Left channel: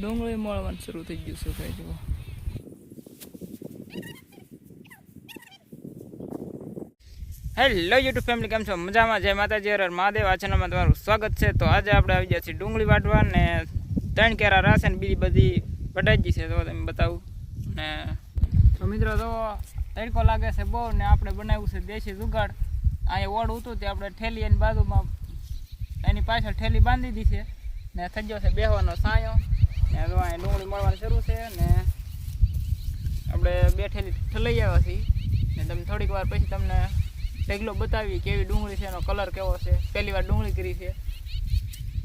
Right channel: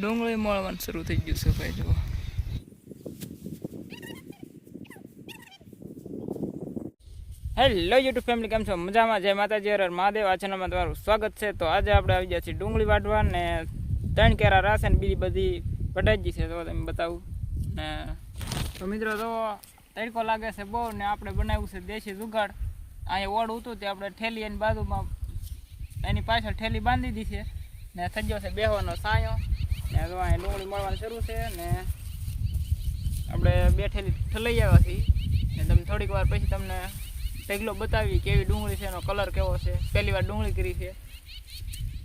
ડુંગળી મળવાનું શરૂ થઈ ગયું છે ભાઈ જુઓ. હેલો યુટ્યુબ ફેમિલી, કેમ છો? મજામાં? જય માતાજી, હર હર મહાદેવ. આ ચેનલમાં તમારું સ્વાગત છે. તો આજે આપણે આવી ગયા છીએ ડુંગળી વાટવા ને 3 કેરા રાસે ને બીજી બધી વઢાઈ છે. તો તમે બતાવું ને તો મિત્રો તો તડકો લાગે છે બહુ ને આપણે બનાવ્યું છે દેશી જુગાડ. અહીંયા ઓળ હતું તે આપણે ઠેલી એની બાજુમાં એની પાછળ ઠેલી બાંધી દીધી છે ને થઈ ગયો છે બેહવાનો સાયો ને તો અહીંયા ડુંગળી મળવાનું શરૂ છે ને આપણે 2 ઠેલી ઠલાઈ આવ્યા છીએ ને તમે થોડીક વાર પછી તમને ઢગલો બતાવી કેવી ડુંગળી છે, એનો કલર કેવો છે. પહેલી વાર ડુંગળી કરી છે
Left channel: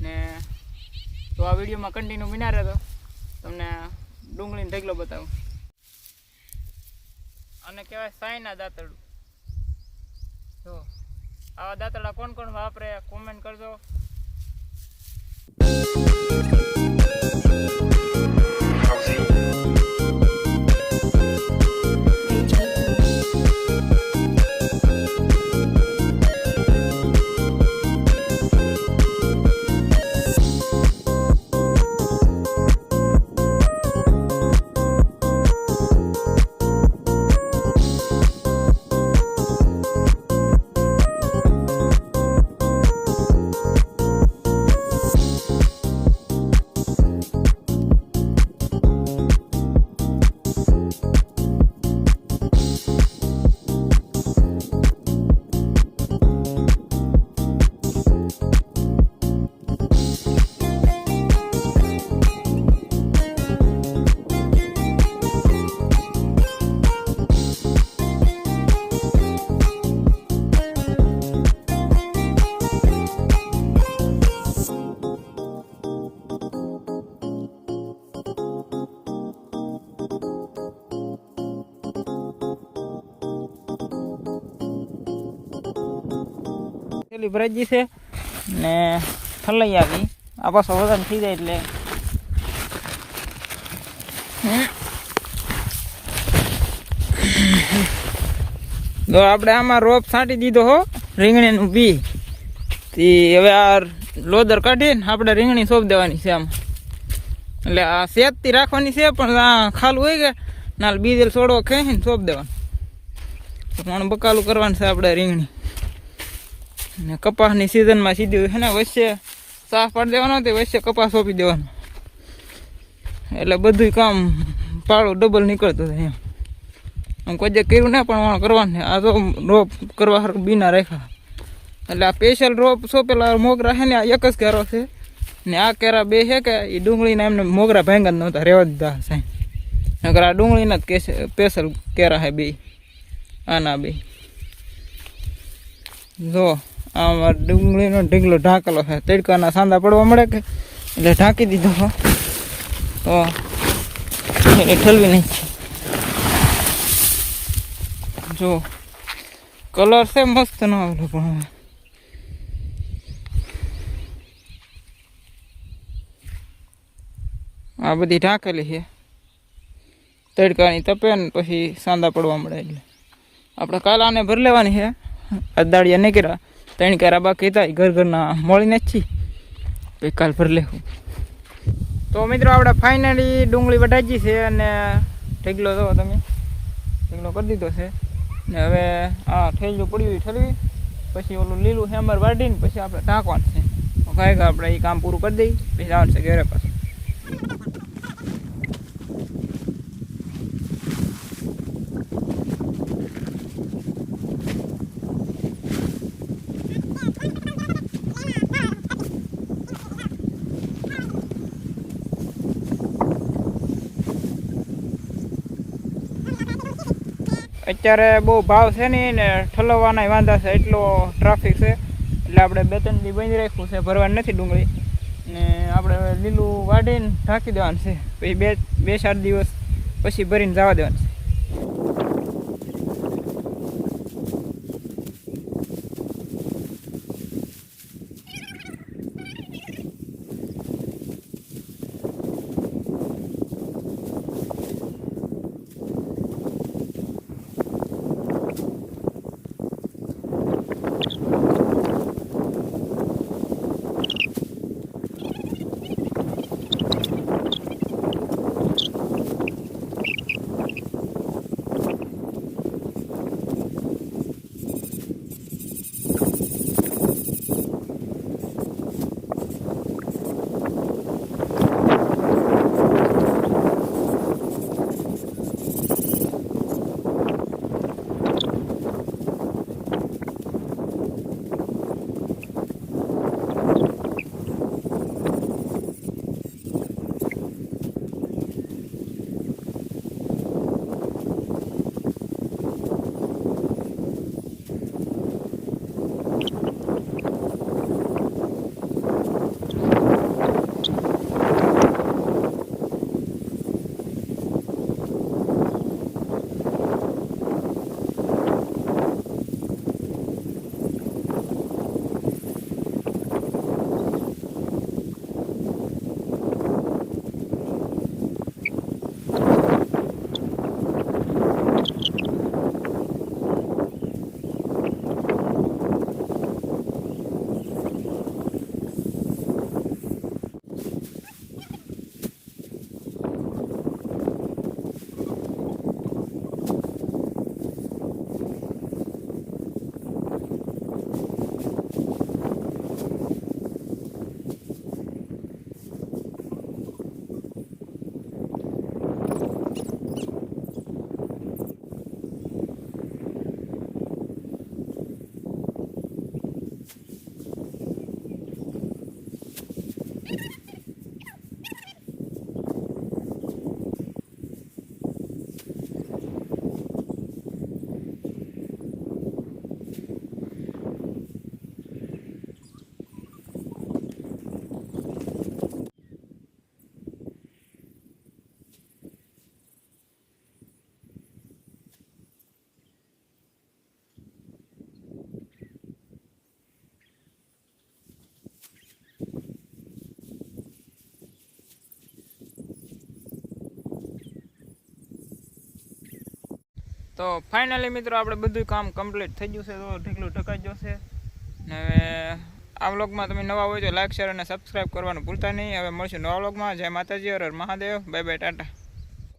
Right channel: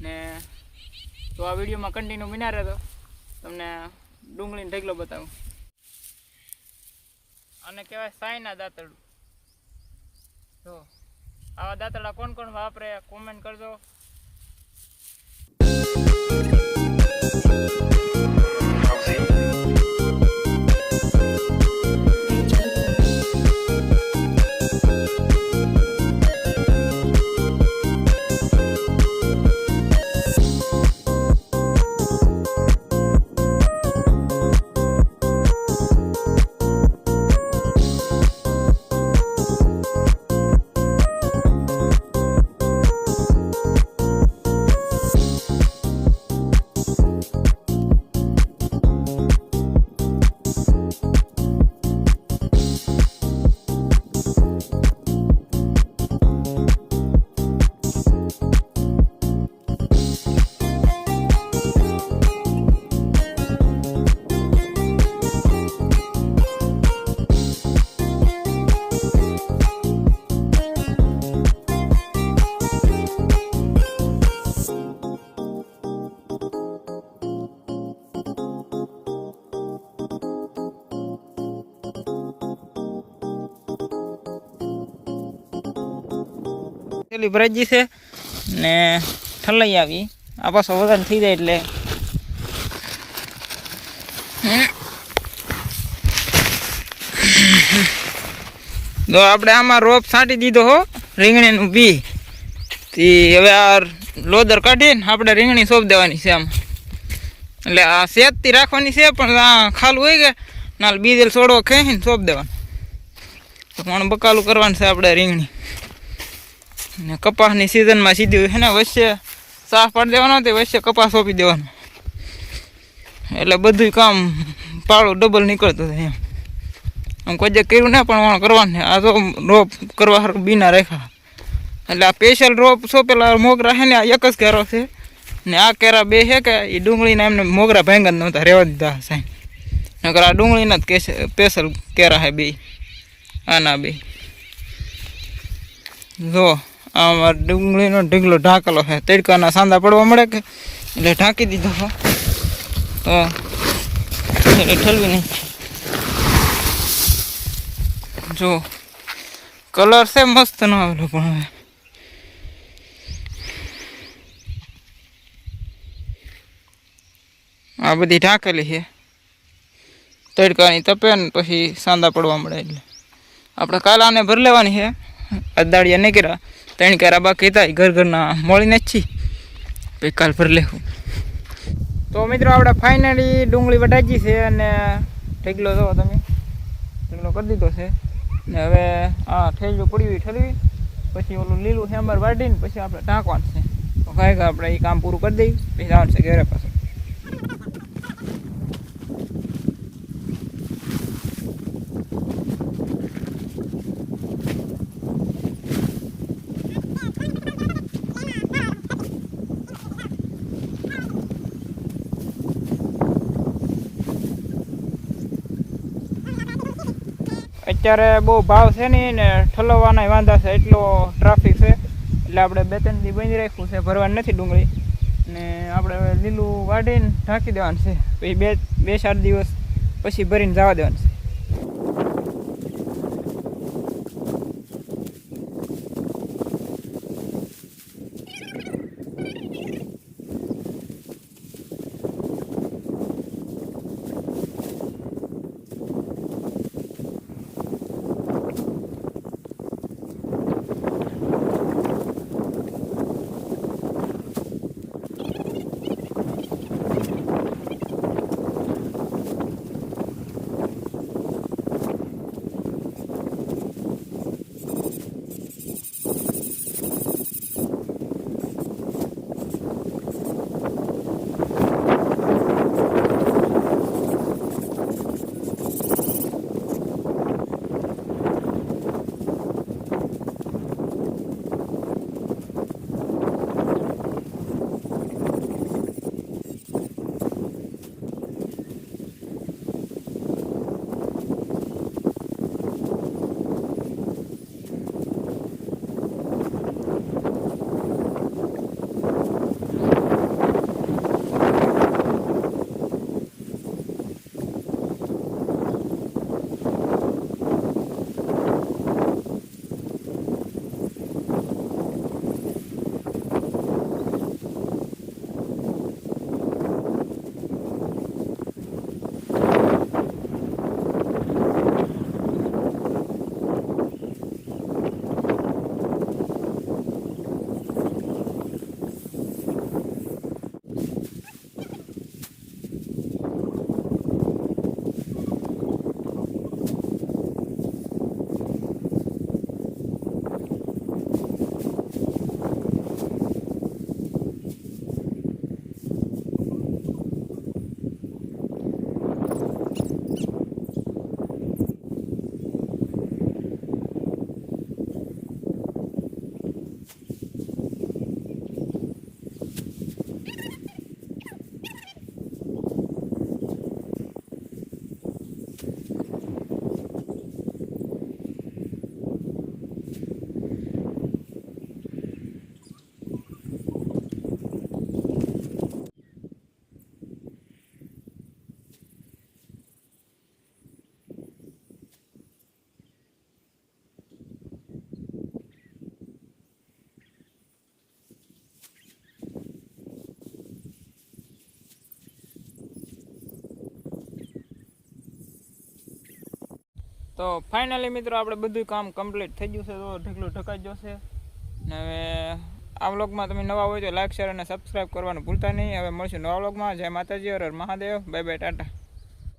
ને તો આ વિડીયોમાં કન્ટિન્યુ બન્યા રહેતો, તમને ડુંગળીનો ઢગલો બતાવું. અને કહેવાય સાયના દાંતરડું. તો આવા દાંતરડા કોણ કોણ વાપરે કોમેન્ટ કરજો. પેલી ભરાજી છે ને ઠલાઈ આવી. આ પાછો વધારે થઈ જાય એટલે તો આપણે આમાં રોપ છાંટી દીધો હો રીંગણીનું બી. હવે આ લોદર કાઢીને આપણે રીંગણી સોંપ દેવાની છે આમાં. એટલે આ સેજથી રાખવાની છે પણ આ ખાલું હોય કે નાલ બીજેલ છોડવો ખેંચીને સોંપ દેવાનું. પણ બકાલું કરવાનું છે આપણે રીંગણી ને કપાસની સિઝનમાં સીધી છે ને વચ્ચે સાફ પાડી દેવાનો તે વચ્ચે કપાસ સોંપી દેવાનો એટલે બધું કામ પાળું ડબલ નીકળતું થાય એમ. આમ કોઈ જે કર્યું ને પણ વણ કરવાનું. આ તો રોપ કરવા સારું બીના રાખ્યા એટલે આ સ્પેશિયલ રોપ સોંપેલા મોગરા છે ને આ એક જ કેરો છે ને આ કેરા 2 છે કે એ ડુંગળીના એમને મોગરા ભાંગા જ નહોતા રહેવા દીધા સાહેબ. નકર આ ડુંગળીના જ સ્પેશિયલ કેરા છે 2 આના 2. જો આમાં ડુંગળીનો ઢીગલો ઢાંકેલો છે. તડકાના સાંદા પડવા મળે કે એટલે ઢાંકી દીધો છે તો એટલે ઠલવી નાખી. જો કલર છે મસ્ત ન આવેલો પણ હવે આ બધી ઢાંકેલી છે તડકાની તપે ને પછી સાંદા પડવા મળે એટલે આપણે કાલ આને ભરી લેવાની છે. અદાડિયા નહીં કર્યા 3 કેરા બાકી હતા ઘરના મળીને જ છીએ પછી કાલ ભરી લેવું. તો મિત્રો આપણે ફાઇનલી ડુંગળી વઢાજી છે અને ઢગલો તો તમે ઢગલો કરી દીધો છે ને હવે આ ઠેલું પડ્યું ઠલવી પછી ઓલું લીલું હેમર વાઢીને પછી આપણે ઢાંકવાનું છે. તો કાંઈ આપણે એ કામ પૂરું કરી દઈએ પછી જવાનું છે ઘરે પાછું. અત્યારે બહુ ભાવ છે નહીં ને ઠલવવાના વાંધા છે, એટલો ટ્રાફિક છે એટલે આપણે 2-3 દી બંધ રાખ્યું છે, ભરવાની નથી ડુંગળી ને આપણે લીલું વાઢીને ઢાંકી દેવાનું છે. પછી 2-4 દિવસ પછી ભરીને જવા દેવાનું છે. તો ફાઇનલી મિત્રો આપણે બધું કામ કમ્પ્લીટ થઈ ગયું છે. તો ઢીકલું ઢકાઈ જશે ને હવે આ વ્લોગમાં તમે નવા હોય તો લાઈક શેર અને સબસ્ક્રાઈબ કરવાનું ભૂલતા નહીં. હવે મળશું નવા વ્લોગમાં. જય માતાજી, હર હર મહાદેવ, બાય બાય, ટાટા.